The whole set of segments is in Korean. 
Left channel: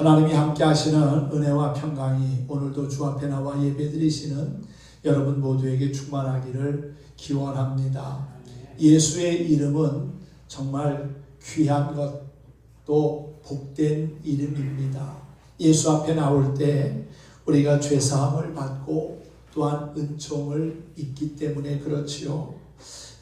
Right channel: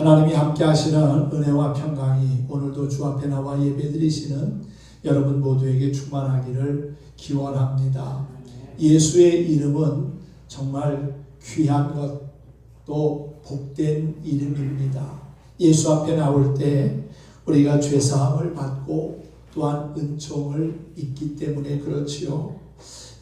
하나님이 함께 하시는 은혜와 평강이 오늘도 주 앞에 나와 예배드리시는 여러분 모두에게 충만하기를 기원합니다. 예수의 이름은 정말 귀한 것, 또 복된 이름입니다. 예수 앞에 나올 때 우리가 죄사함을 받고 또한 은총을 입기 때문에 그렇지요.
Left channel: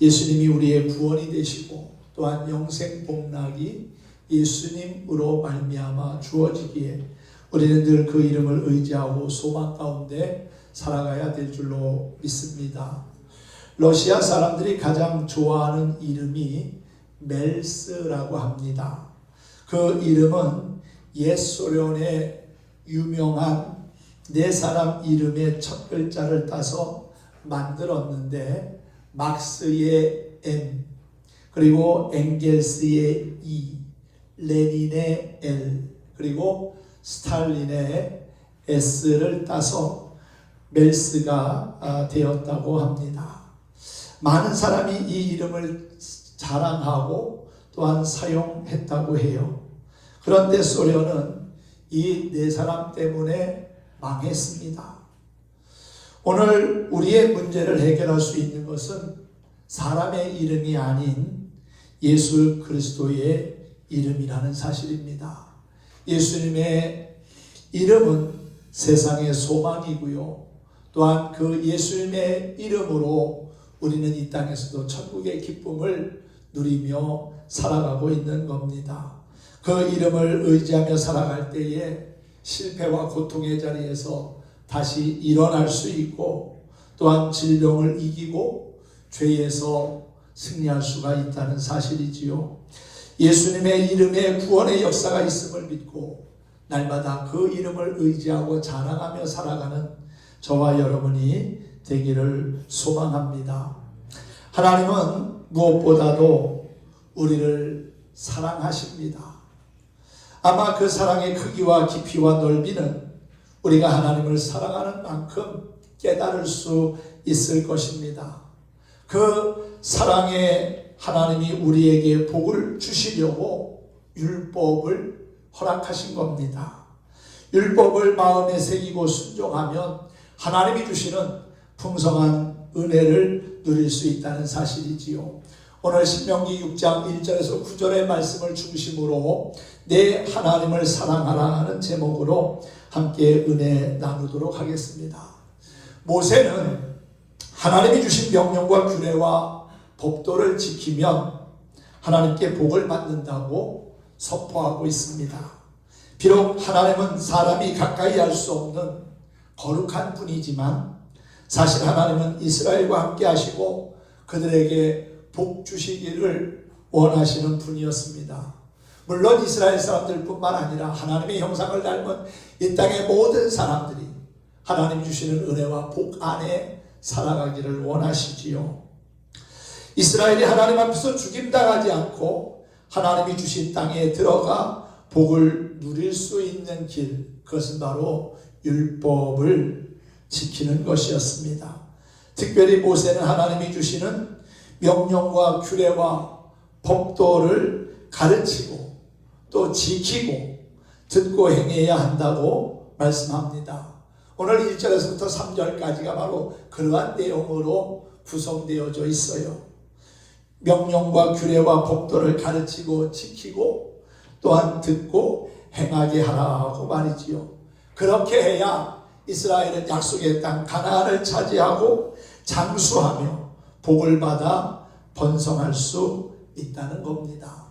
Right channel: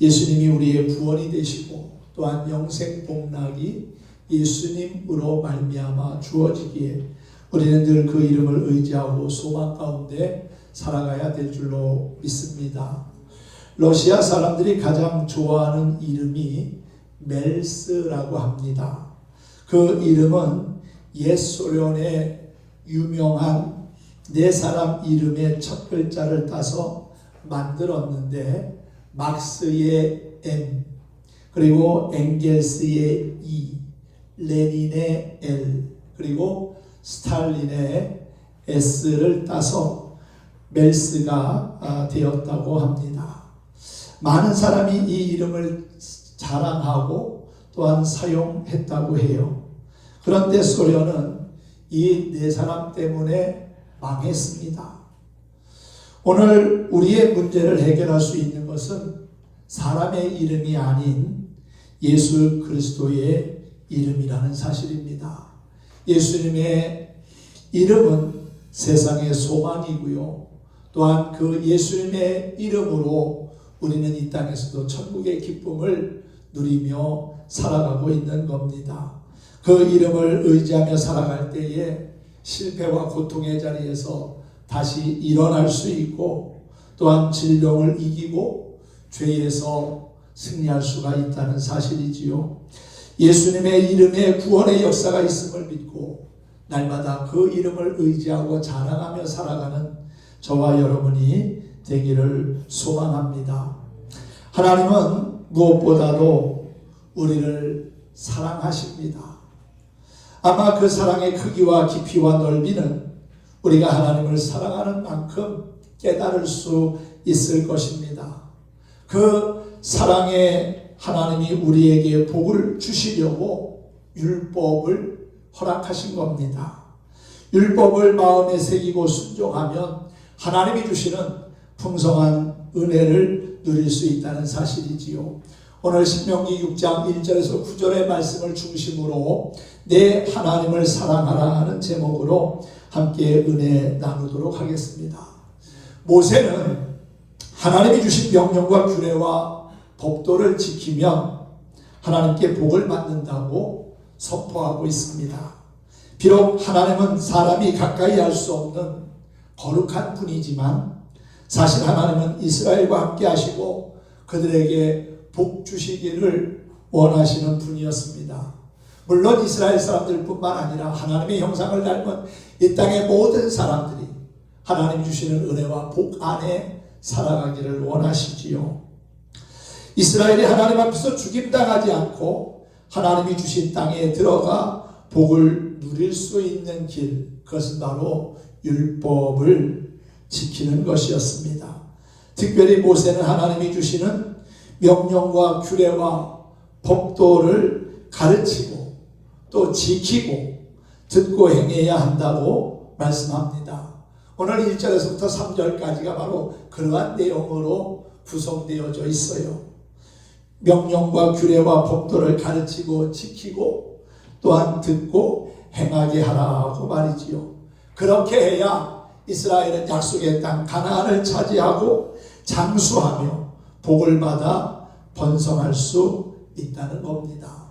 예수님이 우리의 구원이 되시고 또한 영생 복락이 예수님으로 말미암아 주어지기에 우리는 늘 그 이름을 의지하고 소망 가운데 살아가야 될 줄로 믿습니다. 러시아 사람들이 가장 좋아하는 이름이 멜스라고 합니다. 그 이름은 옛 소련의 유명한 네 사람 이름의 첫 글자를 따서 만들었는데 막스의 M, 그리고 엥겔스의 E, 레닌의 L, 그리고 스탈린의 S를 따서 멜스가 되었다고 합니다. 많은 사람이 이 이름을 자랑하고 또한 사용했다고 해요. 그런데 소련은 이 네 사람 때문에 망했습니다. 오늘 우리의 문제를 해결할 수 있는 것은 사람의 이름이 아닌 예수 그리스도의 이름이라는 사실입니다. 예수님의 이름은 세상의 소망이고요. 또한 그 예수님의 이름으로 우리는 이 땅에서도 천국의 기쁨을 누리며 살아가고 있는 겁니다. 그 이름을 의지하며 살아갈 때에 실패와 고통의 자리에서 다시 일어날 수 있고 또한 질병을 이기고 죄에서 승리할 수가 있다는 사실이지요. 예수님의 이름에 구원의 역사가 있음을 믿고 날마다 그 이름을 의지하고 자랑하며 살아가는 저와 여러분이 되기를 소망합니다. 하나님은 무엇보다도 우리를 사랑하십니다. 아마 그 사랑의 크기와 깊이와 넓이는 우리가 하나님을 사랑하는 만큼 깨달을 수 있을 것입니다. 그 사랑의 하나님이 우리에게 복을 주시려고 율법을 허락하신 겁니다. 율법을 마음에 새기고 순종하면 하나님이 주시는 풍성한 은혜를 누릴 수 있다는 사실이지요. 오늘 신명기 6장 1절에서 9절의 말씀을 중심으로 내 하나님을 사랑하라 하는 제목으로 함께 은혜 나누도록 하겠습니다. 모세는 하나님이 주신 명령과 규례와 법도를 지키면 하나님께 복을 받는다고 선포하고 있습니다. 비록 하나님은 사람이 가까이 할 수 없는 거룩한 분이지만 사실 하나님은 이스라엘과 함께 하시고 그들에게 복 주시기를 원하시는 분이었습니다. 물론 이스라엘 사람들뿐만 아니라 하나님의 형상을 닮은 이 땅의 모든 사람들이 하나님 주시는 은혜와 복 안에 살아가기를 원하시지요. 이스라엘이 하나님 앞에서 죽임당하지 않고 하나님이 주신 땅에 들어가 복을 누릴 수 있는 길, 그것은 바로 율법을 지키는 것이었습니다. 특별히 모세는 하나님이 주시는 명령과 규례와 법도를 가르치고 또 지키고 듣고 행해야 한다고 말씀합니다. 오늘 1절에서부터 3절까지가 바로 그러한 내용으로 구성되어져 있어요. 명령과 규례와 법도를 가르치고 지키고 또한 듣고 행하게 하라고 말이지요. 그렇게 해야 이스라엘은 약속의 땅 가나안을 차지하고 장수하며 복을 받아 번성할 수 있다는 겁니다.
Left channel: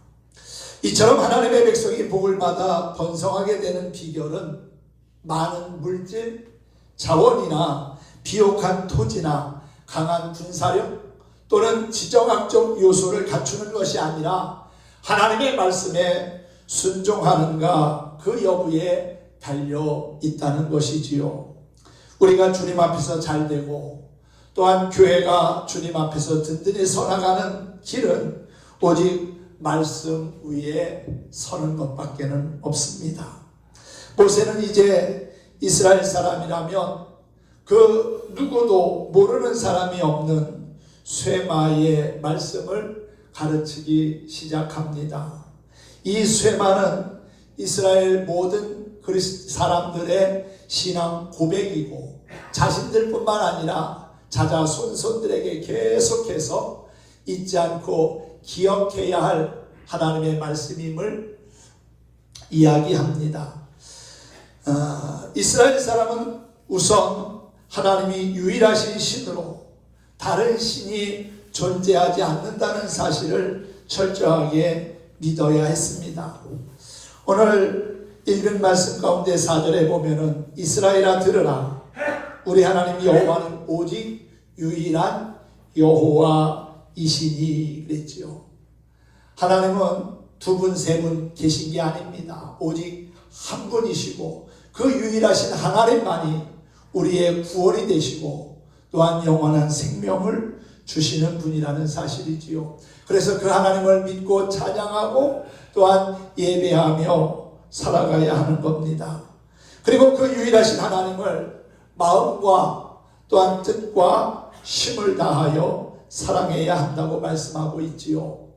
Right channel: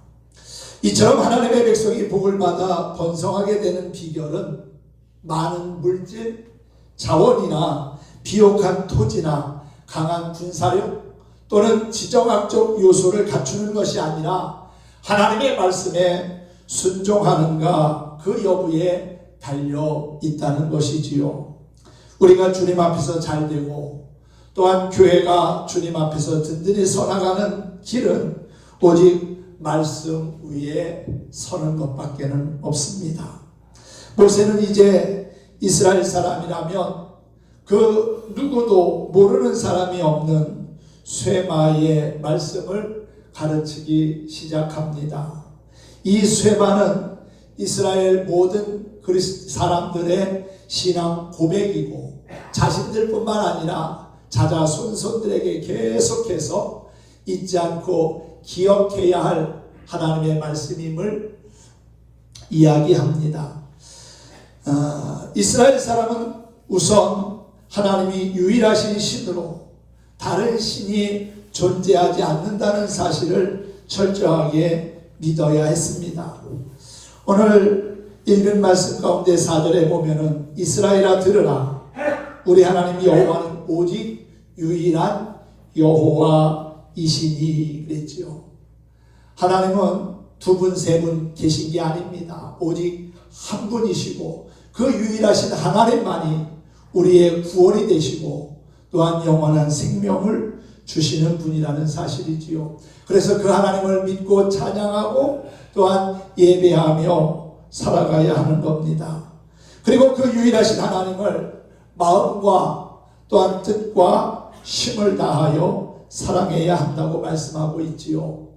이처럼 하나님의 백성이 복을 받아 번성하게 되는 비결은 많은 물질, 자원이나 비옥한 토지나 강한 군사력 또는 지정학적 요소를 갖추는 것이 아니라 하나님의 말씀에 순종하는가 그 여부에 달려 있다는 것이지요. 우리가 주님 앞에서 잘되고 또한 교회가 주님 앞에서 든든히 서나가는 길은 오직 말씀 위에 서는 것밖에는 없습니다. 모세는 이제 이스라엘 사람이라면 그 누구도 모르는 사람이 없는 쇠마의 말씀을 가르치기 시작합니다. 이 쇠마는 이스라엘 모든 사람들의 신앙 고백이고 자신들뿐만 아니라 자자손손들에게 계속해서 잊지 않고 기억해야 할 하나님의 말씀임을 이야기합니다. 이스라엘 사람은 우선 하나님이 유일하신 신으로 다른 신이 존재하지 않는다는 사실을 철저하게 믿어야 했습니다. 오늘 읽은 말씀 가운데 4절에 보면은 이스라엘아 들으라, 우리 하나님 여호와는 오직 유일한 여호와이시니 그랬지요. 하나님은 두 분, 세 분 계신 게 아닙니다. 오직 한 분이시고 그 유일하신 하나님만이 우리의 구원이 되시고 또한 영원한 생명을 주시는 분이라는 사실이지요. 그래서 그 하나님을 믿고 찬양하고 또한 예배하며 살아가야 하는 겁니다. 그리고 그 유일하신 하나님을 마음과 또한 뜻과 힘을 다하여 사랑해야 한다고 말씀하고 있지요.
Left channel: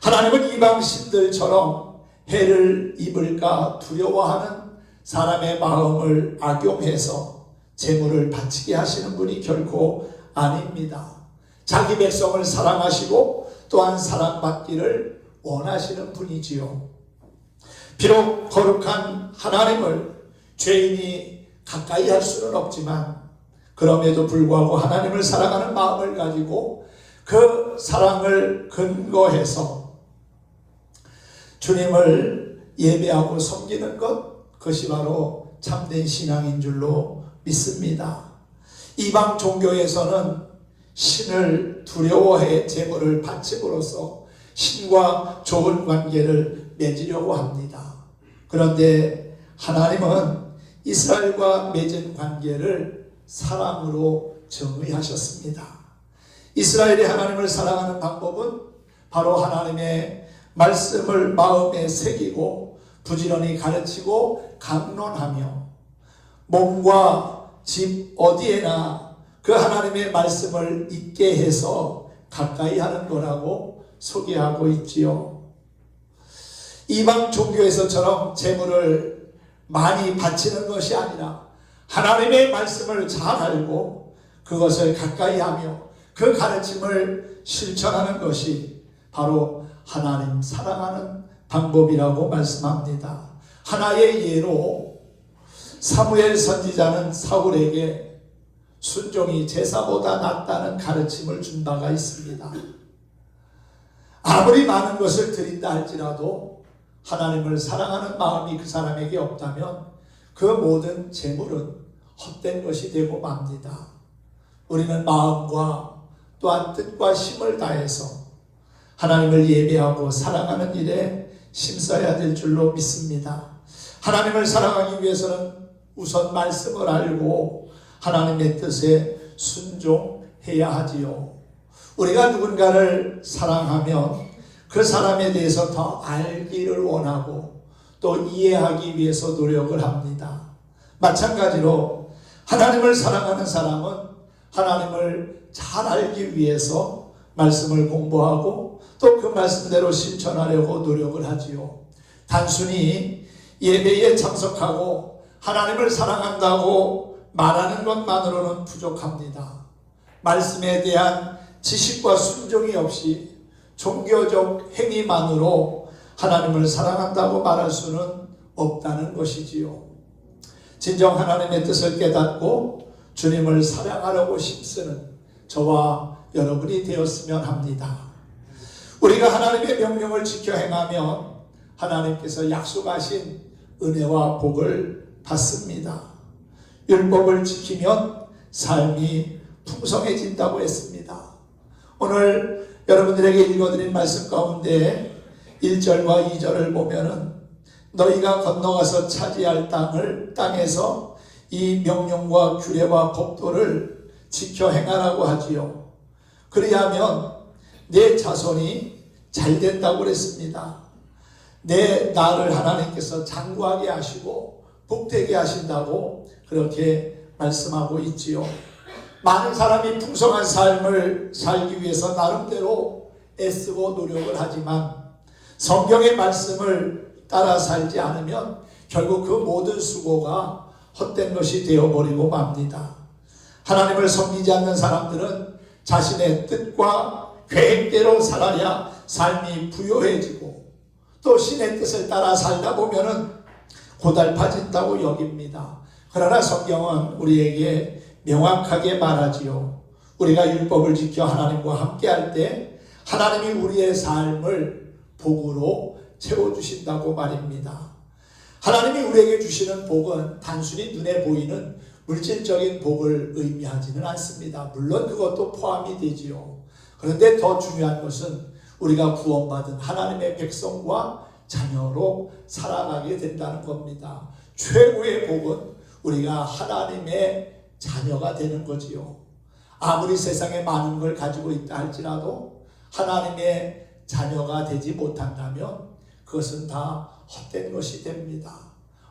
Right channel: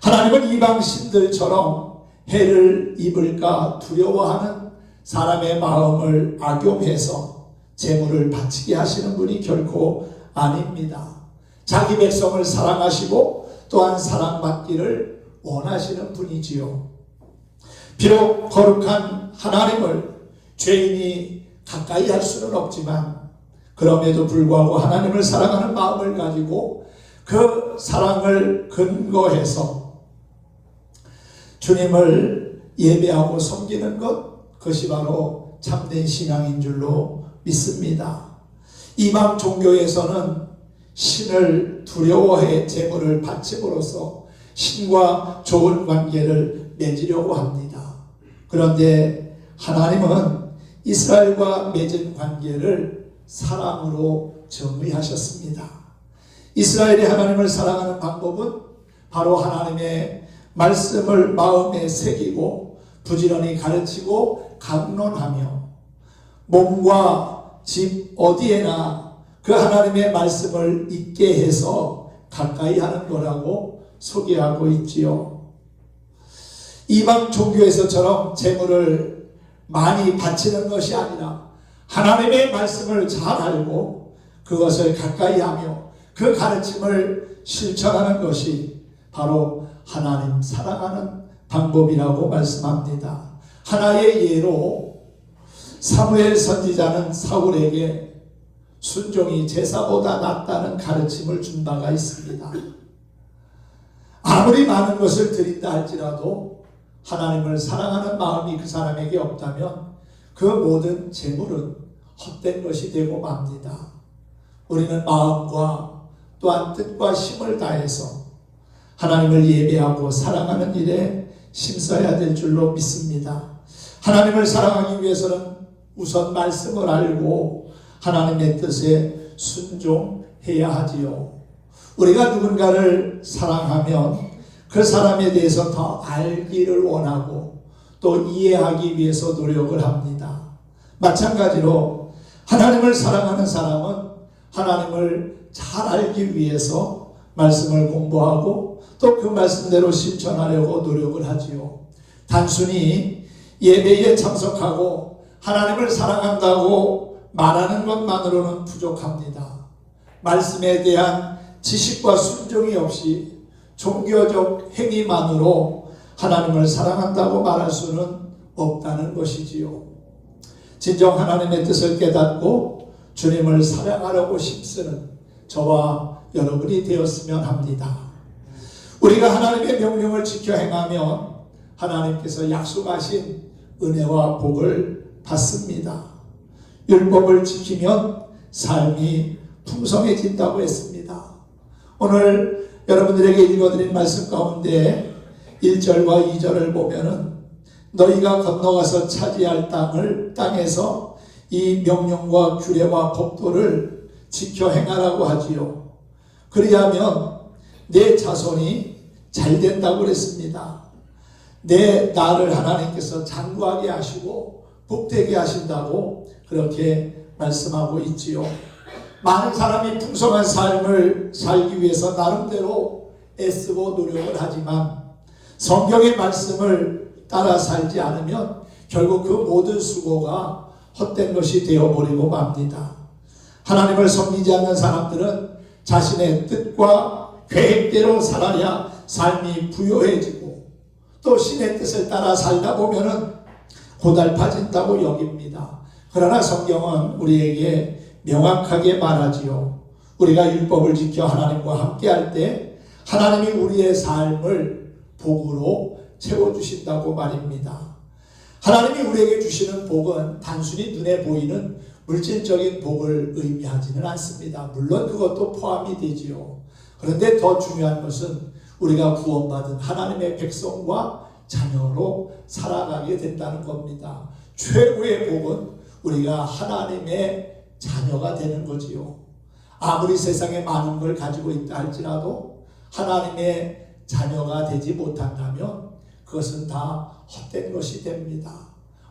하나님은 이방 신들처럼 해를 입을까 두려워하는 사람의 마음을 악용해서 재물을 바치게 하시는 분이 결코 아닙니다. 자기 백성을 사랑하시고 또한 사랑받기를 원하시는 분이지요. 비록 거룩한 하나님을 죄인이 가까이 할 수는 없지만 그럼에도 불구하고 하나님을 사랑하는 마음을 가지고 그 사랑을 근거해서 주님을 예배하고 섬기는 그것이 바로 참된 신앙인 줄로 믿습니다. 이방 종교에서는 신을 두려워해 제물을 바침으로써 신과 좋은 관계를 맺으려고 합니다. 그런데 하나님은 이스라엘과 맺은 관계를 사랑으로 정의하셨습니다. 이스라엘이 하나님을 사랑하는 방법은 바로 하나님의 말씀을 마음에 새기고 부지런히 가르치고 강론하며 몸과 집 어디에나 그 하나님의 말씀을 있게 해서 가까이 하는 거라고 소개하고 있지요. 이방 종교에서처럼 재물을 많이 바치는 것이 아니라 하나님의 말씀을 잘 알고 그것을 가까이 하며 그 가르침을 실천하는 것이 바로 하나님 사랑하는 방법이라고 말씀합니다. 하나의 예로 사무엘 선지자는 사울에게 순종이 제사보다 낫다는 가르침을 준 바가 있습니다. 아무리 많은 것을 드린다 할지라도 하나님을 사랑하는 마음이 그 사람에게 없다면 그 모든 재물은 헛된 것이 되고 맙니다. 우리는 마음과 또한 뜻과 힘을 다해서 하나님을 예배하고 사랑하는 일에 힘써야 될 줄로 믿습니다. 하나님을 사랑하기 위해서는 우선 말씀을 알고 하나님의 뜻에 순종해야 하지요. 우리가 누군가를 사랑하면 그 사람에 대해서 더 알기를 원하고 또 이해하기 위해서 노력을 합니다. 마찬가지로 하나님을 사랑하는 사람은 하나님을 잘 알기 위해서 말씀을 공부하고 또 그 말씀대로 실천하려고 노력을 하지요. 단순히 예배에 참석하고 하나님을 사랑한다고 말하는 것만으로는 부족합니다. 말씀에 대한 지식과 순종이 없이 종교적 행위만으로 하나님을 사랑한다고 말할 수는 없다는 것이지요. 진정 하나님의 뜻을 깨닫고 주님을 사랑하려고 힘쓰는 저와 여러분이 되었으면 합니다. 우리가 하나님의 명령을 지켜 행하면 하나님께서 약속하신 은혜와 복을 받습니다. 율법을 지키면 삶이 풍성해진다고 했습니다. 오늘 여러분들에게 읽어드린 말씀 가운데 1절과 2절을 보면은 너희가 건너가서 차지할 땅에서 이 명령과 규례와 법도를 지켜 행하라고 하지요. 그리하면 내 자손이 잘 된다고 그랬습니다. 내 나를 하나님께서 장구하게 하시고 복되게 하신다고 그렇게 말씀하고 있지요. 많은 사람이 풍성한 삶을 살기 위해서 나름대로 애쓰고 노력을 하지만 성경의 말씀을 따라 살지 않으면 결국 그 모든 수고가 헛된 것이 되어버리고 맙니다. 하나님을 섬기지 않는 사람들은 자신의 뜻과 계획대로 살아야 삶이 부요해지고 또 신의 뜻을 따라 살다 보면은 고달파진다고 여깁니다. 그러나 성경은 우리에게 명확하게 말하지요. 우리가 율법을 지켜 하나님과 함께할 때 하나님이 우리의 삶을 복으로 채워주신다고 말입니다. 하나님이 우리에게 주시는 복은 단순히 눈에 보이는 물질적인 복을 의미하지는 않습니다. 물론 그것도 포함이 되지요. 그런데 더 중요한 것은 우리가 구원받은 하나님의 백성과 자녀로 살아가게 된다는 겁니다. 최고의 복은 우리가 하나님의 자녀가 되는 거지요. 아무리 세상에 많은 걸 가지고 있다 할지라도 하나님의 자녀가 되지 못한다면 그것은 다 헛된 것이 됩니다.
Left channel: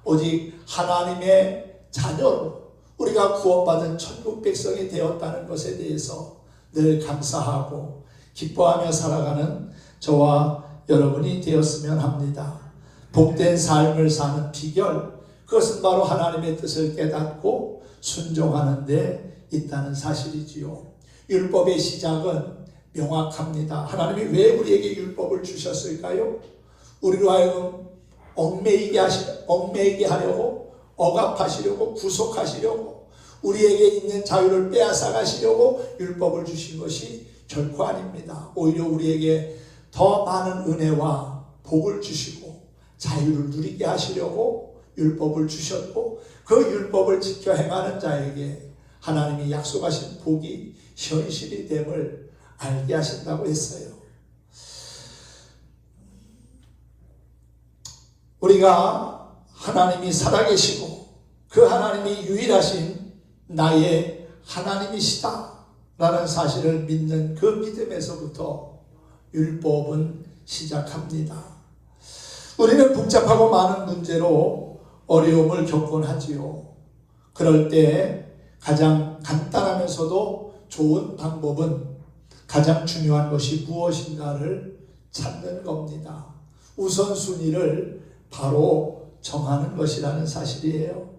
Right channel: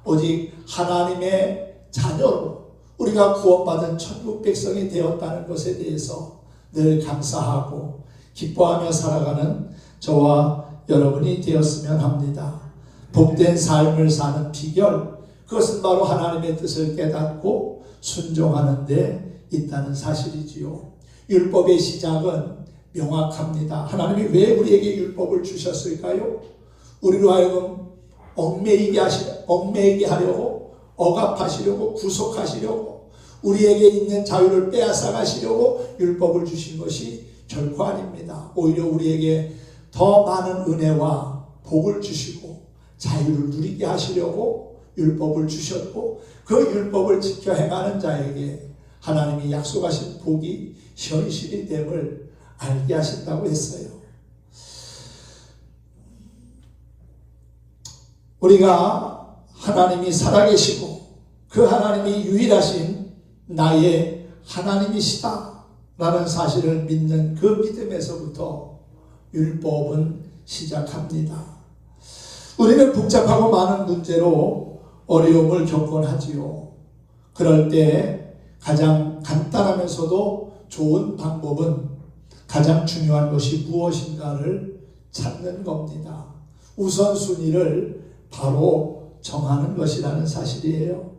오직 하나님의 자녀로 우리가 구원받은 천국 백성이 되었다는 것에 대해서 늘 감사하고 기뻐하며 살아가는 저와 여러분이 되었으면 합니다. 복된 삶을 사는 비결, 그것은 바로 하나님의 뜻을 깨닫고 순종하는 데 있다는 사실이지요. 율법의 시작은 명확합니다. 하나님이 왜 우리에게 율법을 주셨을까요? 우리로 하여금 얽매이게 하려고, 억압하시려고, 구속하시려고, 우리에게 있는 자유를 빼앗아 가시려고 율법을 주신 것이 결코 아닙니다. 오히려 우리에게 더 많은 은혜와 복을 주시고 자유를 누리게 하시려고 율법을 주셨고, 그 율법을 지켜 행하는 자에게 하나님이 약속하신 복이 현실이 됨을 알게 하신다고 했어요. 우리가 하나님이 살아계시고 그 하나님이 유일하신 나의 하나님이시다 라는 사실을 믿는 그 믿음에서부터 율법은 시작합니다. 우리는 복잡하고 많은 문제로 어려움을 겪곤 하지요. 그럴 때 가장 간단하면서도 좋은 방법은 가장 중요한 것이 무엇인가를 찾는 겁니다. 우선순위를 바로 정하는 것이라는 사실이에요.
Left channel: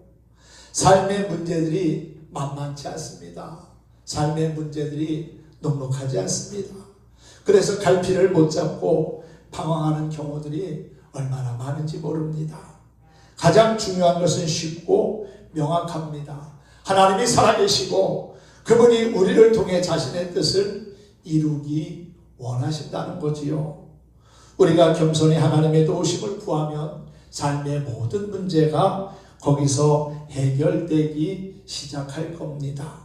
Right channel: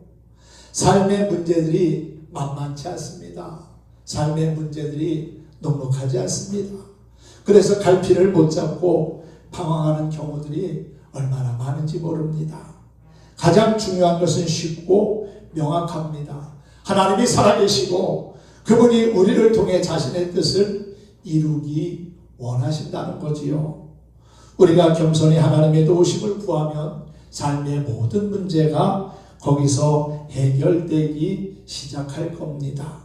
삶의 문제들이 만만치 않습니다. 삶의 문제들이 넉넉하지 않습니다. 그래서 갈피를 못 잡고 방황하는 경우들이 얼마나 많은지 모릅니다. 가장 중요한 것은 쉽고 명확합니다. 하나님이 살아계시고 그분이 우리를 통해 자신의 뜻을 이루기 원하신다는 거지요. 우리가 겸손히 하나님의 도우심을 구하면 삶의 모든 문제가 거기서 해결되기 시작할 겁니다.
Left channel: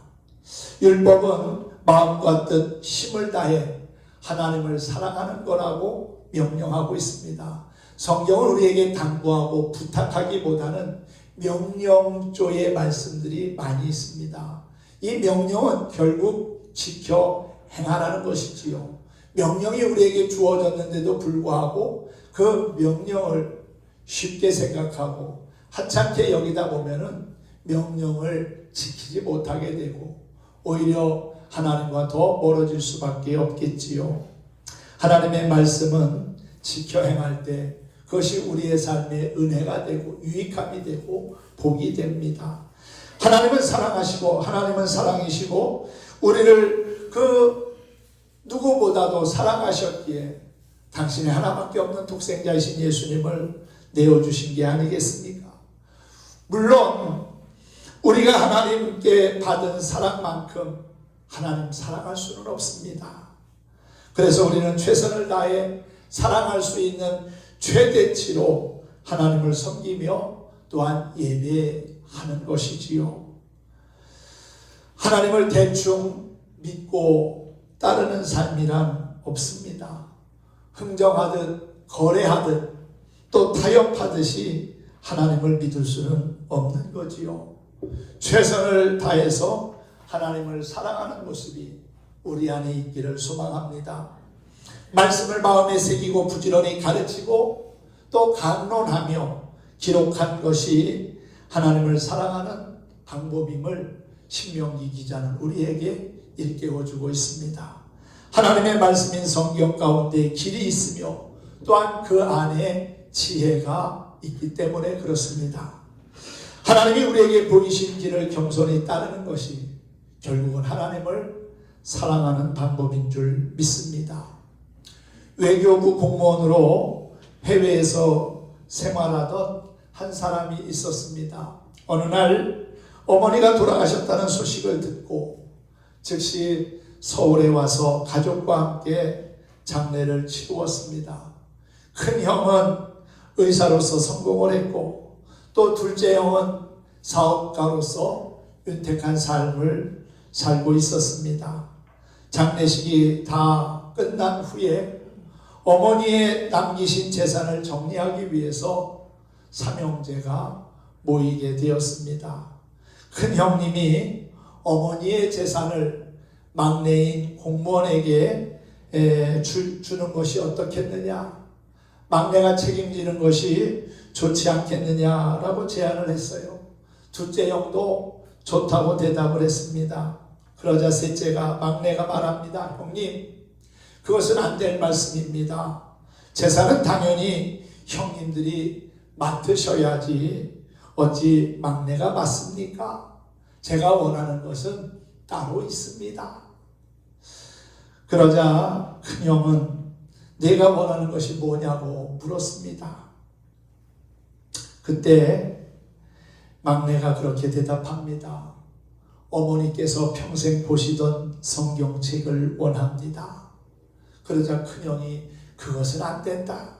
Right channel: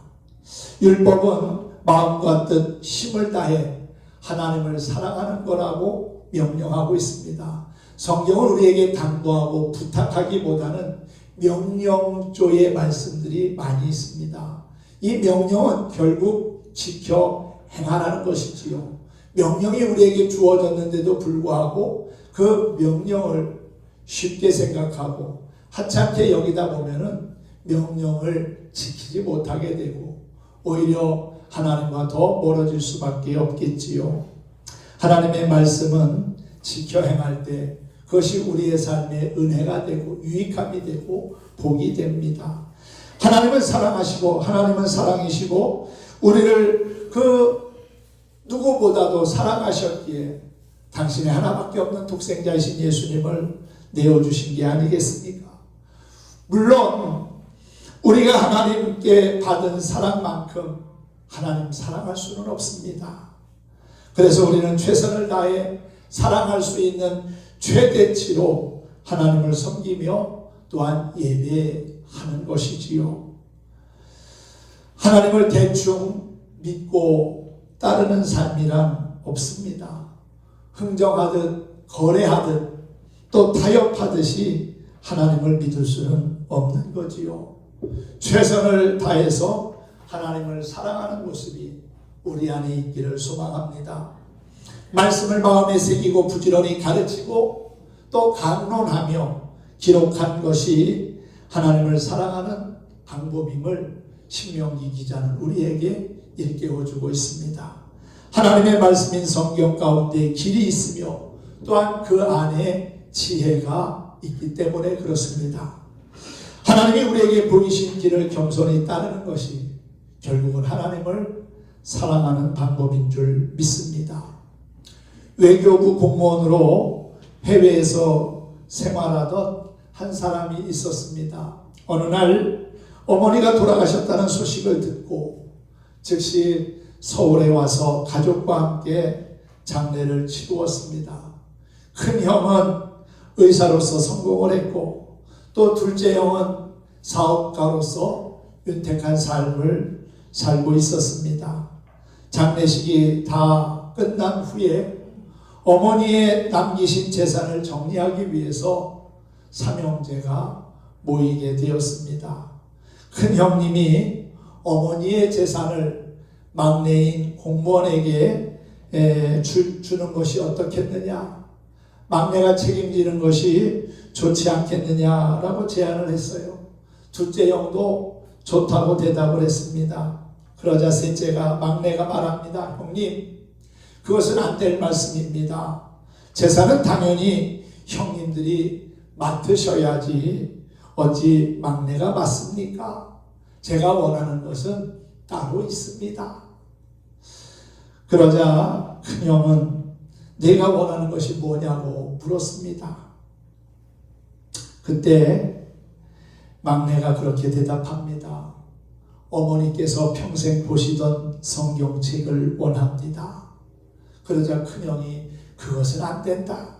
율법은 마음과 뜻, 힘을 다해 하나님을 사랑하는 거라고 명령하고 있습니다. 성경은 우리에게 당부하고 부탁하기보다는 명령조의 말씀들이 많이 있습니다. 이 명령은 결국 지켜 행하라는 것이지요. 명령이 우리에게 주어졌는데도 불구하고 그 명령을 쉽게 생각하고 하찮게 여기다 보면은 명령을 지키지 못하게 되고 오히려 하나님과 더 멀어질 수밖에 없겠지요. 하나님의 말씀은 지켜 행할 때 그것이 우리의 삶에 은혜가 되고 유익함이 되고 복이 됩니다. 하나님은 사랑하시고 하나님은 사랑이시고 우리를 그 누구보다도 사랑하셨기에 당신의 하나밖에 없는 독생자이신 예수님을 내어주신 게 아니겠습니까? 물론 우리가 하나님께 받은 사랑만큼 하나님 사랑할 수는 없습니다. 그래서 우리는 최선을 다해 사랑할 수 있는 최대치로 하나님을 섬기며 또한 예배하는 것이지요. 하나님을 대충 믿고 따르는 삶이란 없습니다. 흥정하듯 거래하듯 또 타협하듯이 하나님을 믿을 수는 없는 거지요. 최선을 다해서 하나님을 사랑하는 모습이 우리 안에 있기를 소망합니다. 말씀을 마음에 새기고 부지런히 가르치고 또 강론하며 기록한 것이 하나님을 사랑하는 방법임을 신명기 기자는 우리에게 일깨워주고 있습니다. 하나님의 말씀인 성경 가운데 길이 있으며 또한 그 안에 지혜가 있기 때문에 그렇습니다. 하나님이 우리에게 보이신 길을 겸손히 따르는 것이 결국은 하나님을 사랑하는 방법인 줄 믿습니다. 외교부 공무원으로 해외에서 생활하던 한 사람이 있었습니다. 어느 날 어머니가 돌아가셨다는 소식을 듣고 즉시 서울에 와서 가족과 함께 장례를 치루었습니다. 큰 형은 의사로서 성공을 했고 또 둘째 형은 사업가로서 윤택한 삶을 살고 있었습니다. 장례식이 다 끝난 후에 어머니의 남기신 재산을 정리하기 위해서 삼형제가 모이게 되었습니다. 큰 형님이 어머니의 재산을 막내인 공무원에게 주는 것이 어떻겠느냐, 막내가 책임지는 것이 좋지 않겠느냐라고 제안을 했어요. 둘째 형도 좋다고 대답을 했습니다. 그러자 셋째가, 막내가 말합니다. 형님, 그것은 안 될 말씀입니다. 재산은 당연히 형님들이 맡으셔야지 어찌 막내가 맡습니까? 제가 원하는 것은 따로 있습니다. 그러자 큰형은 내가 원하는 것이 뭐냐고 물었습니다. 그때 막내가 그렇게 대답합니다. 어머니께서 평생 보시던 성경책을 원합니다. 그러자 큰형이 그것은 안 된다.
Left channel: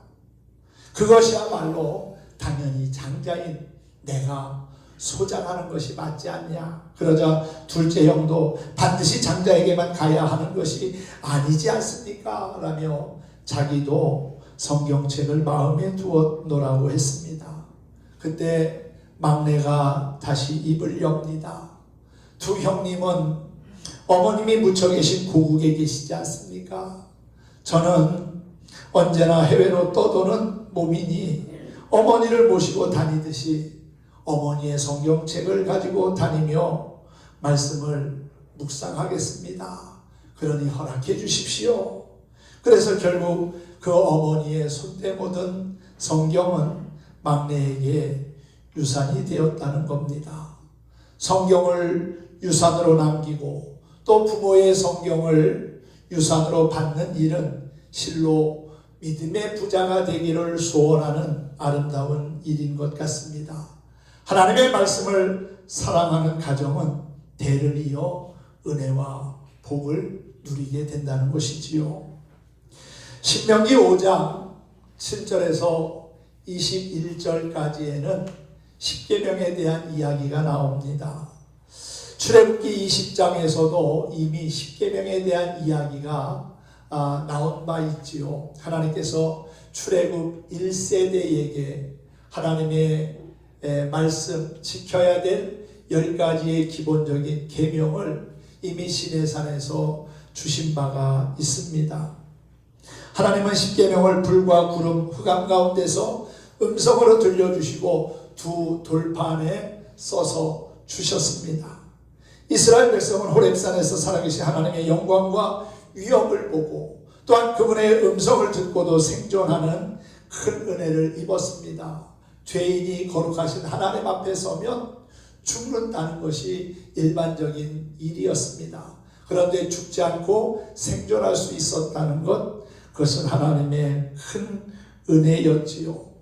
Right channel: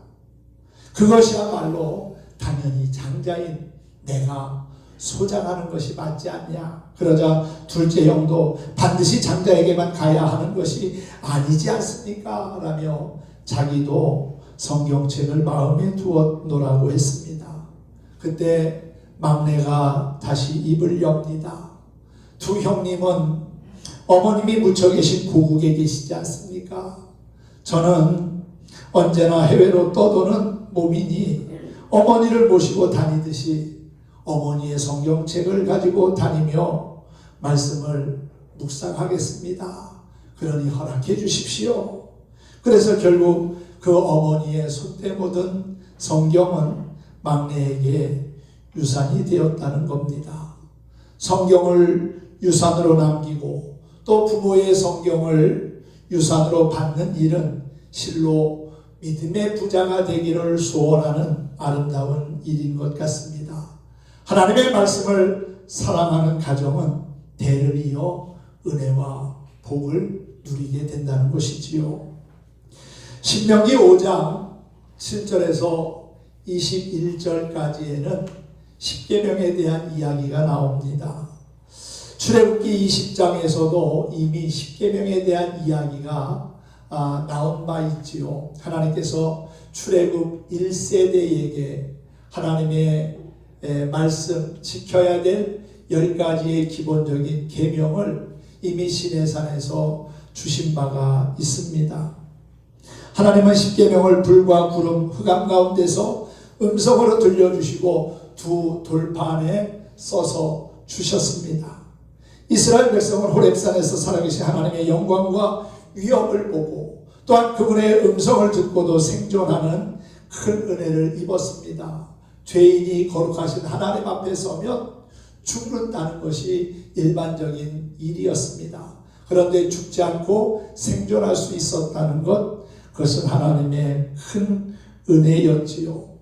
그것이야말로 당연히 장자인 내가 소장하는 것이 맞지 않냐. 그러자 둘째 형도 반드시 장자에게만 가야 하는 것이 아니지 않습니까? 라며 자기도 성경책을 마음에 두었노라고 했습니다. 그때 막내가 다시 입을 엽니다. 두 형님은 어머님이 묻혀 계신 고국에 계시지 않습니까? 저는 언제나 해외로 떠도는 몸이니 어머니를 모시고 다니듯이 어머니의 성경책을 가지고 다니며 말씀을 묵상하겠습니다. 그러니 허락해 주십시오. 그래서 결국 그 어머니의 손때 묻은 성경은 막내에게 유산이 되었다는 겁니다. 성경을 유산으로 남기고 또 부모의 성경을 유산으로 받는 일은 실로 믿음의 부자가 되기를 소원하는 아름다운 일인 것 같습니다. 하나님의 말씀을 사랑하는 가정은 대를 이어 은혜와 복을 누리게 된다는 것이지요. 신명기 5장 7절에서 21절까지에는 십계명에 대한 이야기가 나옵니다. 출애굽기 20장에서도 이미 십계명에 대한 이야기가 나온 바 있지요. 하나님께서 출애굽 1세대에게 하나님의 말씀 지켜야 될 10가지의 기본적인 계명을 이미 시내산에서 주신 바가 있습니다. 하나님은 십계명을 불과 구름 흑암 가운데서 음성으로 들려주시고 두 돌판에 써서 주셨습니다. 이스라엘 백성은 호렙산에서 살아계신 하나님의 영광과 위엄을 보고 또한 그분의 음성을 듣고도 생존하는 큰 은혜를 입었습니다. 죄인이 거룩하신 하나님 앞에 서면 죽는다는 것이 일반적인 일이었습니다. 그런데 죽지 않고 생존할 수 있었다는 것, 그것은 하나님의 큰 은혜였지요.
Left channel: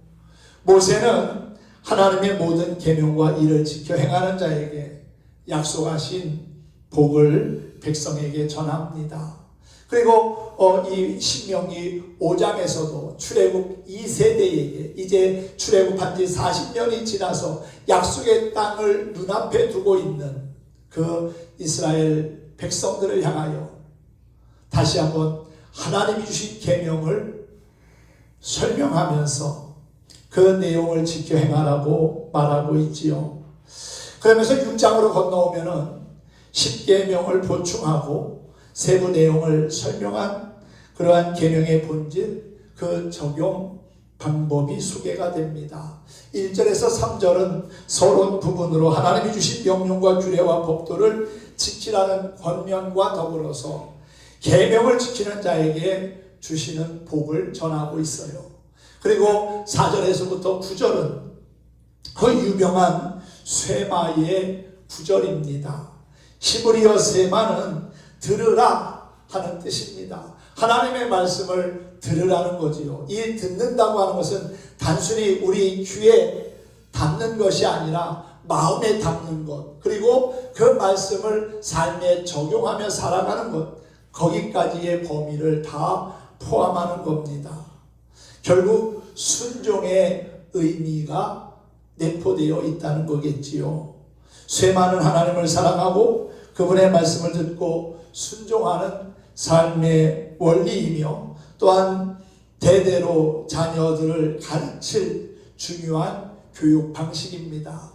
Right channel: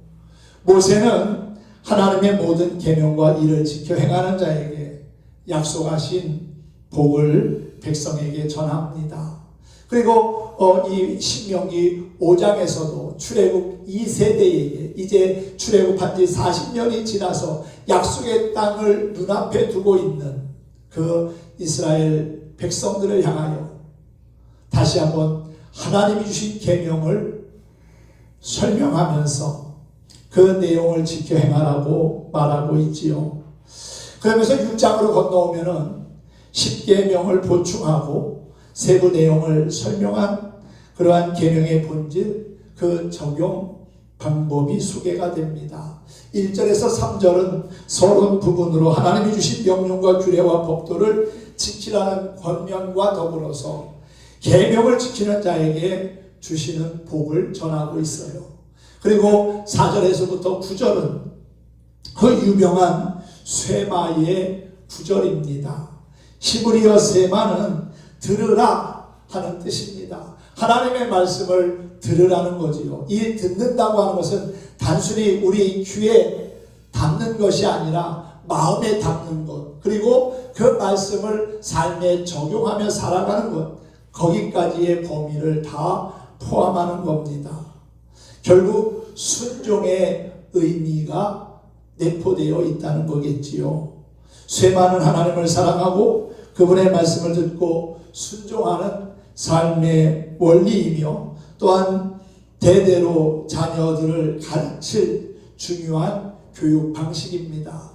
모세는 하나님의 모든 계명과 일을 지켜 행하는 자에게 약속하신 복을 백성에게 전합니다. 그리고 이 신명기 5장에서도 출애굽 2세대에게 이제 출애굽한 지 40년이 지나서 약속의 땅을 눈앞에 두고 있는 그 이스라엘 백성들을 향하여 다시 한번 하나님이 주신 계명을 설명하면서 그 내용을 지켜 행하라고 말하고 있지요. 그러면서 6장으로 건너오면은 10계명을 보충하고 세부 내용을 설명한 그러한 계명의 본질, 그 적용 방법이 소개가 됩니다. 1절에서 3절은 서론 부분으로 하나님이 주신 명령과 규례와 법도를 지키라는 권면과 더불어서 계명을 지키는 자에게 주시는 복을 전하고 있어요. 그리고 4절에서부터 9절은 그 유명한 쇠마의 구절입니다. 히브리어 쇠마는 들으라 하는 뜻입니다. 하나님의 말씀을 들으라는 거지요. 이 듣는다고 하는 것은 단순히 우리 귀에 담는 것이 아니라 마음에 담는 것, 그리고 그 말씀을 삶에 적용하며 살아가는 것, 거기까지의 범위를 다 포함하는 겁니다. 결국 순종의 의미가 내포되어 있다는 거겠지요. 쇠마는 하나님을 사랑하고 그분의 말씀을 듣고 순종하는 삶의 원리이며, 또한 대대로 자녀들을 가르칠 중요한 교육 방식입니다.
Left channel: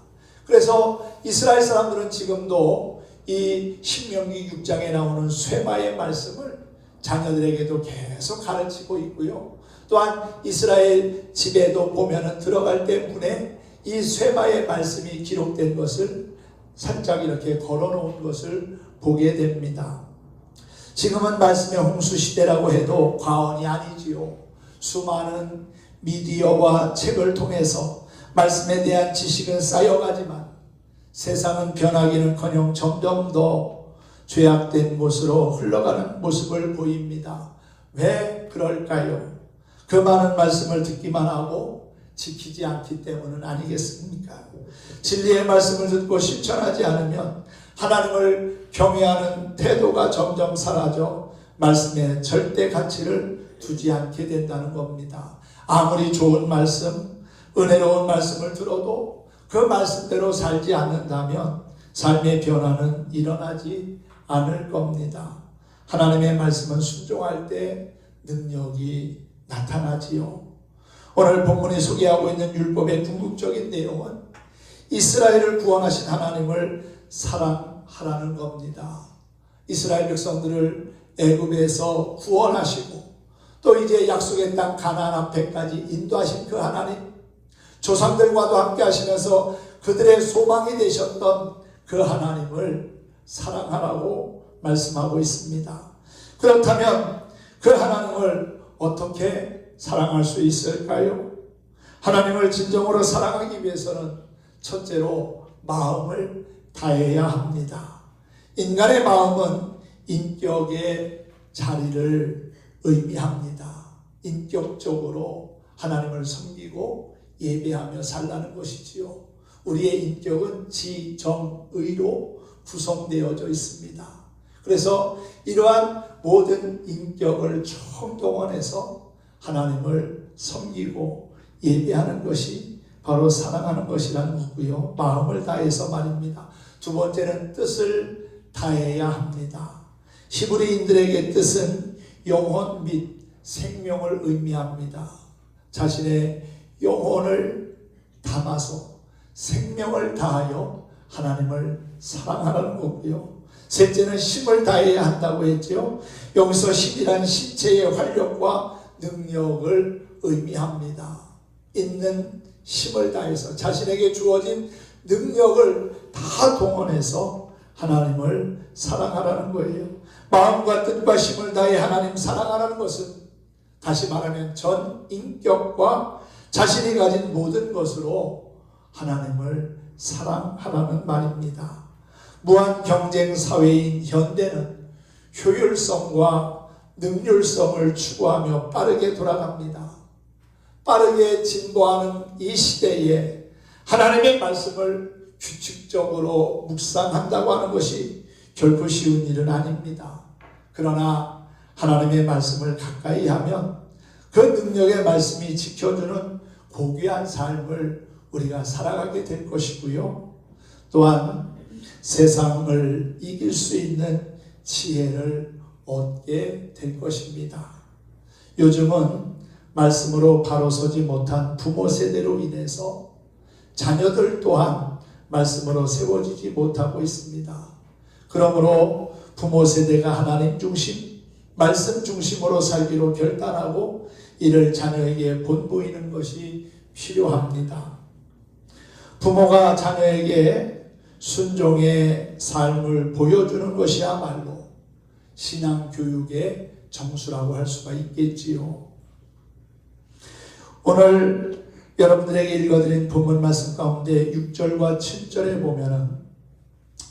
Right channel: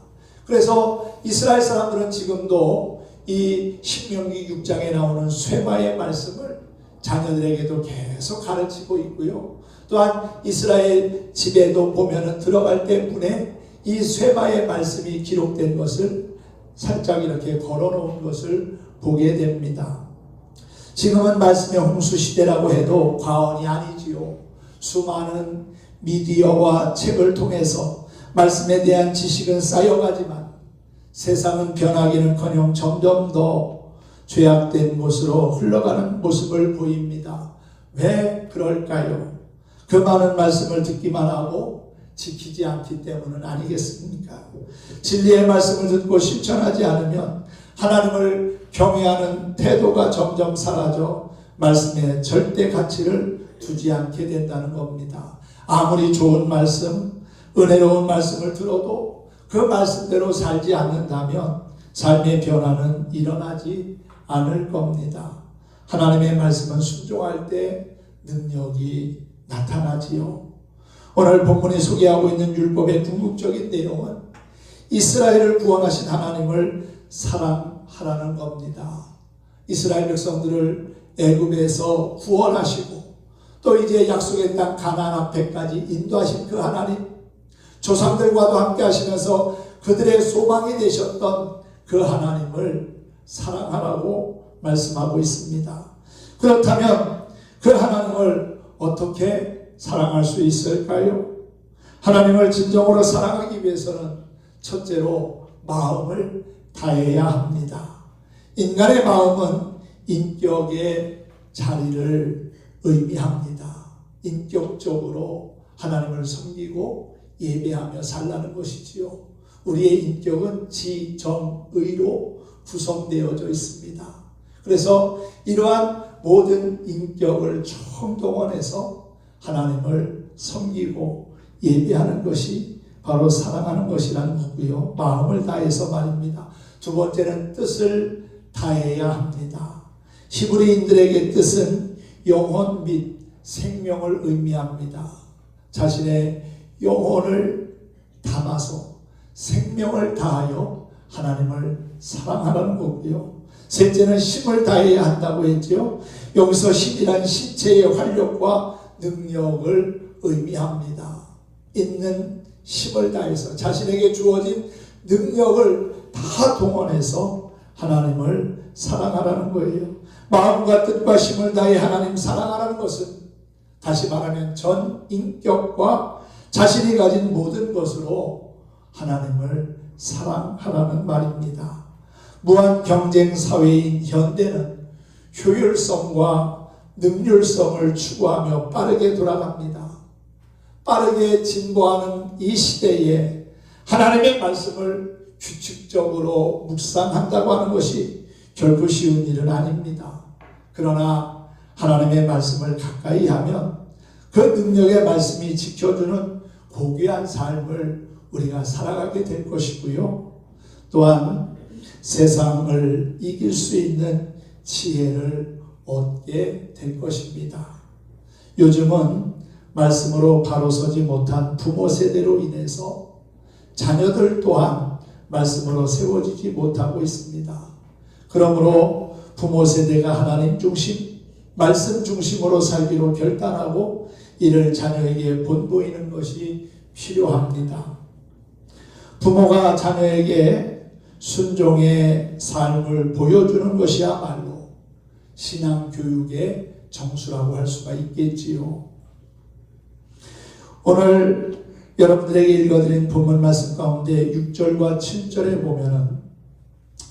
그래서 이스라엘 사람들은 지금도 이 신명기 6장에 나오는 쇠마의 말씀을 자녀들에게도 계속 가르치고 있고요. 또한 이스라엘 집에도 보면은 들어갈 때 문에 이 쇠마의 말씀이 기록된 것을 살짝 이렇게 걸어놓은 것을 보게 됩니다. 지금은 말씀의 홍수 시대라고 해도 과언이 아니지요. 수많은 미디어와 책을 통해서 말씀에 대한 지식은 쌓여가지만 세상은 변하기는커녕 점점 더 죄악된 곳으로 흘러가는 모습을 보입니다. 왜 그럴까요? 그 많은 말씀을 듣기만 하고 지키지 않기 때문은 아니겠습니까? 진리의 말씀을 듣고 실천하지 않으면 하나님을 경외하는 태도가 점점 사라져 말씀에 절대 가치를 두지 않게 된다는 겁니다. 아무리 좋은 말씀, 은혜로운 말씀을 들어도 그 말씀대로 살지 않는다면 삶의 변화는 일어나지 않을 겁니다. 하나님의 말씀은 순종할 때 능력이 나타나지요. 오늘 본문이 소개하고 있는 율법의 궁극적인 내용은 이스라엘을 구원하신 하나님을 사랑하라는 겁니다. 이스라엘 백성들을 애굽에서 구원하시고 또 이제 약속의 땅 가나안 앞에까지 인도하신 그 하나님, 조상들과도 함께 하시면서 그들의 소망이 되셨던 그 하나님을 사랑하라고 말씀하고 있습니다. 그렇다면 그 하나님을 어떻게 사랑할 수 있을까요? 하나님을 진정으로 사랑하기 위해서는 첫째로 마음을 다해야 합니다. 인간의 마음은 인격의 자리를 의미합니다. 인격적으로 하나님을 섬기고 예배하며 살라는 것이지요. 우리의 인격은 지, 정, 의로 구성되어져 있습니다. 그래서 이러한 모든 인격을 총동원해서 하나님을 섬기고 예배하는 것이 바로 사랑하는 것이라는 거고요. 마음을 다해서 말입니다. 두 번째는 뜻을 다해야 합니다. 히브리인들에게 뜻은 영혼 및 생명을 의미합니다. 자신의 영혼을 담아서 생명을 다하여 하나님을 사랑하라는 거고요. 셋째는 힘을 다해야 한다고 했죠. 여기서 힘이란 신체의 활력과 능력을 의미합니다. 있는 힘을 다해서 자신에게 주어진 능력을 다 동원해서 하나님을 사랑하라는 거예요. 마음과 뜻과 힘을 다해 하나님 사랑하라는 것은 다시 말하면 전 인격과 자신이 가진 모든 것으로 하나님을 사랑하라는 말입니다. 무한 경쟁 사회인 현대는 효율성과 능률성을 추구하며 빠르게 돌아갑니다. 빠르게 진보하는 이 시대에 하나님의 말씀을 규칙적으로 묵상한다고 하는 것이 결코 쉬운 일은 아닙니다. 그러나 하나님의 말씀을 가까이 하면 그 능력의 말씀이 지켜주는 고귀한 삶을 우리가 살아가게 될 것이고요. 또한 세상을 이길 수 있는 지혜를 얻게 될 것입니다. 요즘은 말씀으로 바로 서지 못한 부모 세대로 인해서 자녀들 또한 말씀으로 세워지지 못하고 있습니다. 그러므로 부모 세대가 하나님 중심, 말씀 중심으로 살기로 결단하고 이를 자녀에게 본보이는 것이 필요합니다. 부모가 자녀에게 순종의 삶을 보여주는 것이야말로 신앙교육의 정수라고 할 수가 있겠지요. 오늘 여러분들에게 읽어드린 본문 말씀 가운데 6절과 7절에 보면은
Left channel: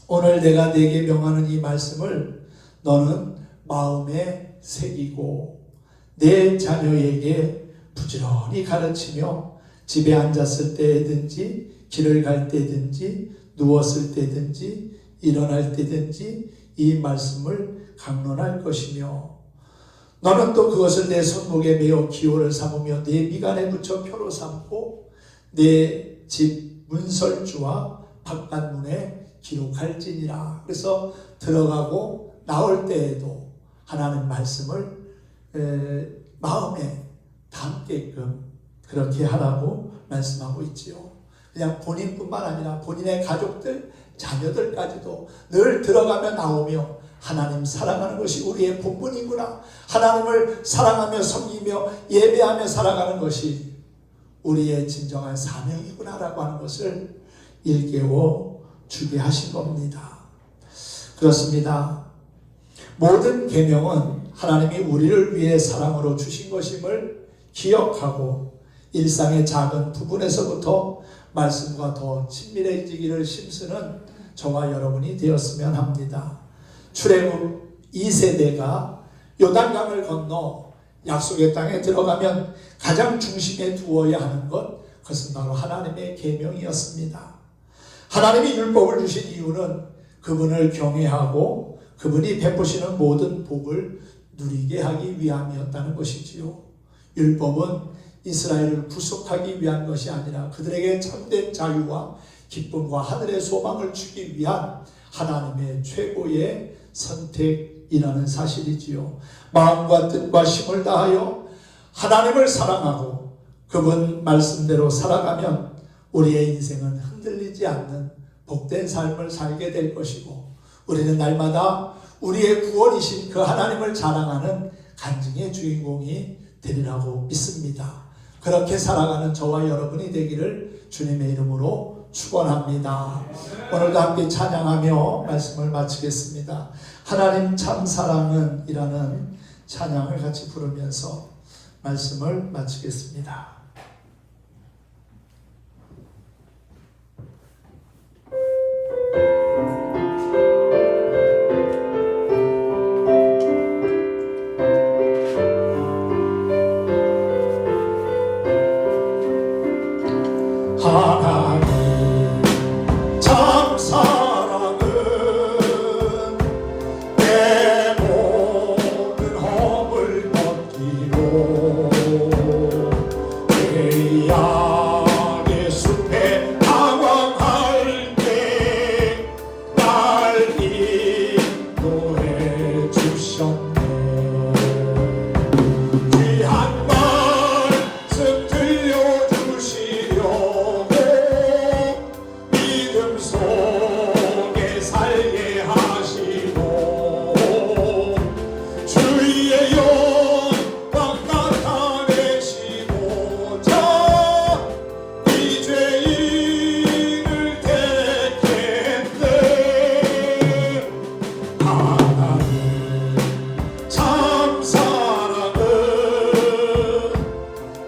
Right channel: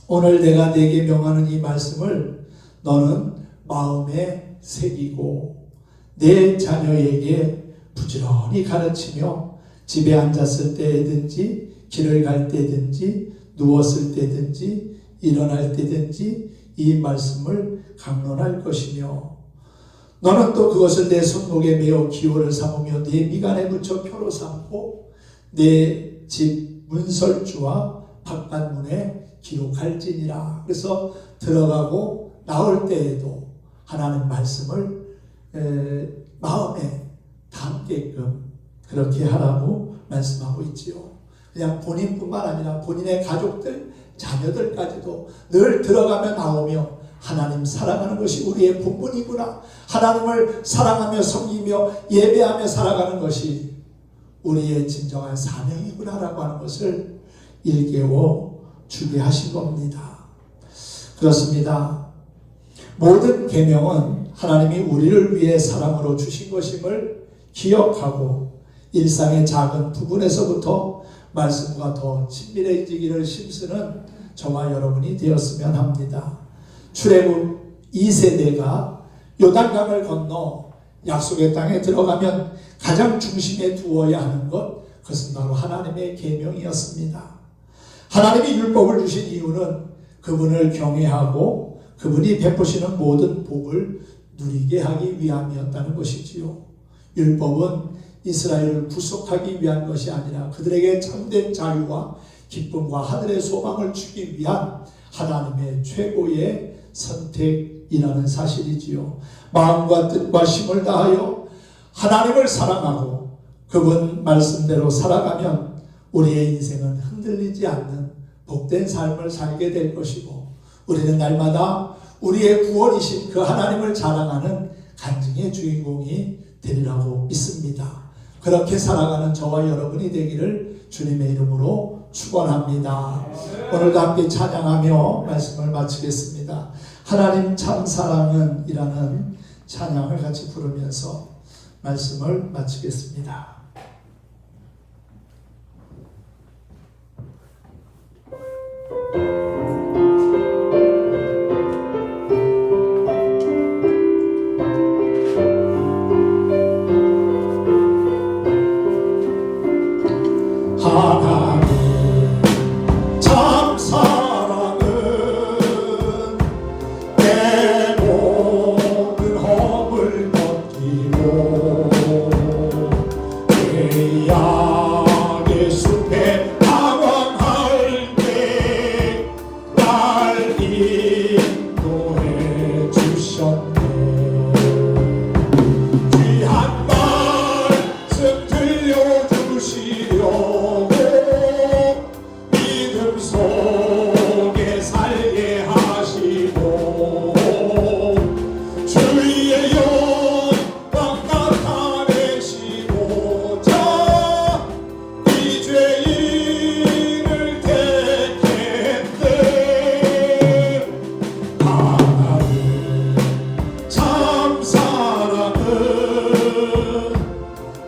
오늘 내가 네게 명하는 이 말씀을 너는 마음에 새기고 내 자녀에게 부지런히 가르치며 집에 앉았을 때든지 길을 갈 때든지 누웠을 때든지 일어날 때든지 이 말씀을 강론할 것이며 너는 또 그것을 내 손목에 메어 기호를 삼으며 내 미간에 붙여 표로 삼고 내 집 문설주와 바깥문에 기록할지니라. 그래서 들어가고 나올 때에도 하나님 말씀을 마음에 담게끔 그렇게 하라고 말씀하고 있지요. 그냥 본인뿐만 아니라 본인의 가족들, 자녀들까지도 늘 들어가며 나오며 하나님 사랑하는 것이 우리의 본분이구나, 하나님을 사랑하며 섬기며 예배하며 살아가는 것이 우리의 진정한 사명이구나라고 하는 것을 일깨워 주게 하신 겁니다. 그렇습니다. 모든 계명은 하나님이 우리를 위해 사랑으로 주신 것임을 기억하고 일상의 작은 부분에서부터 말씀과 더 친밀해지기를 힘쓰는 저와 여러분이 되었으면 합니다. 출애굽 2세대가 요단강을 건너 약속의 땅에 들어가면 가장 중심에 두어야 하는 것, 그것은 바로 하나님의 계명이었습니다. 하나님이 율법을 주신 이유는 그분을 경외하고 그분이 베푸시는 모든 복을 누리게 하기 위함이었다는 것이지요. 율법은 이스라엘을 구속하기 위한 것이 아니라 그들에게 참된 자유와 기쁨과 하늘의 소망을 주기 위한 하나님의 최고의 선택이라는 사실이지요. 마음과 뜻과 힘을 다하여 하나님을 사랑하고 그분 말씀대로 살아가면 우리의 인생은 흔들리지 않는 복된 삶을 살게 될 것이고 우리는 날마다 우리의 구원이신 그 하나님을 자랑하는 간증의 주인공이 되리라고 믿습니다. 그렇게 살아가는 저와 여러분이 되기를 주님의 이름으로 축원합니다. 오늘도 함께 찬양하며 말씀을 마치겠습니다. 하나님 참 사랑은 이라는 찬양을 같이 부르면서 말씀을 마치겠습니다. 하나님 참 사랑은 내 모든 허물 벗기고 내 약의 숲에 방황할 때 날 인도해 주셨네. 귀한 말씀 들려주시려고 믿음 속에 살게 하시고 주의 영광 나타내시고자 이 죄인을 택했네. 하나님 참 사랑은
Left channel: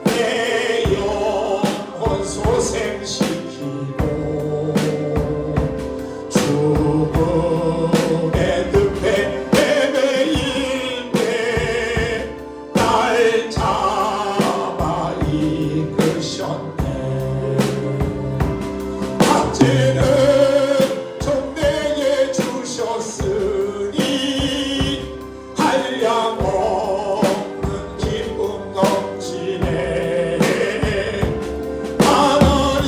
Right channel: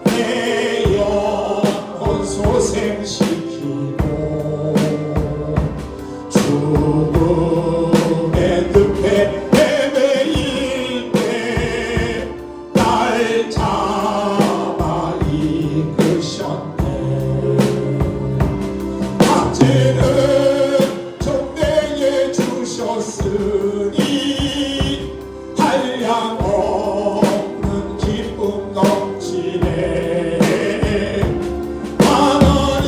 내 영혼 소생시키고 죽음의 늪에 헤매일 때 날 잡아 이끄셨네. 박제는 종내에 주셨으니 한량 없는 기쁨 넘치네. 하나님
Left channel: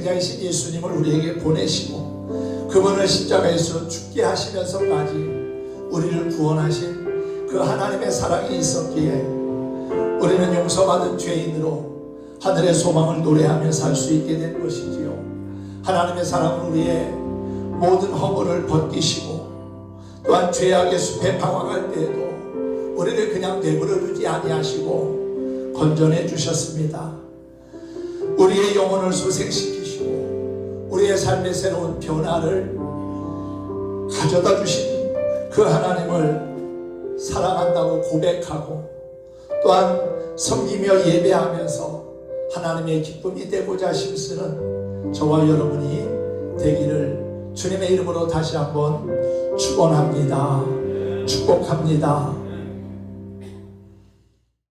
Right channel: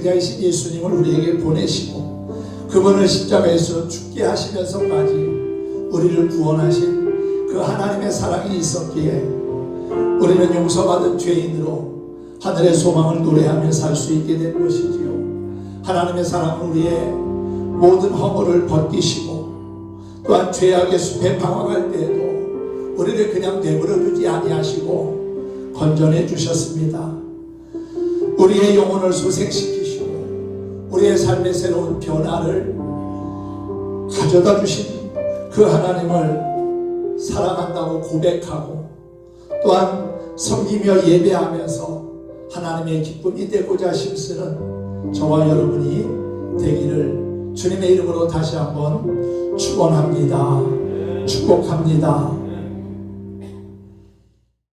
독생자이신 예수님을 우리에게 보내시고 그분을 십자가에서 죽게 하시면서까지 우리를 구원하신 그 하나님의 사랑이 있었기에 우리는 용서받은 죄인으로 하늘의 소망을 노래하며 살 수 있게 된 것이지요. 하나님의 사랑은 우리의 모든 허물을 벗기시고 또한 죄악의 숲에 방황할 때에도 우리를 그냥 내버려 두지 아니하시고 건져내 주셨습니다. 우리의 영혼을 소생시키시고 우리의 삶의 새로운 변화를 가져다 주신 그 하나님을 사랑한다고 고백하고 또한 섬기며 예배하면서 하나님의 기쁨이 되고자 힘쓰는 저와 여러분이 되기를 주님의 이름으로 다시 한번 축원합니다. 축복합니다.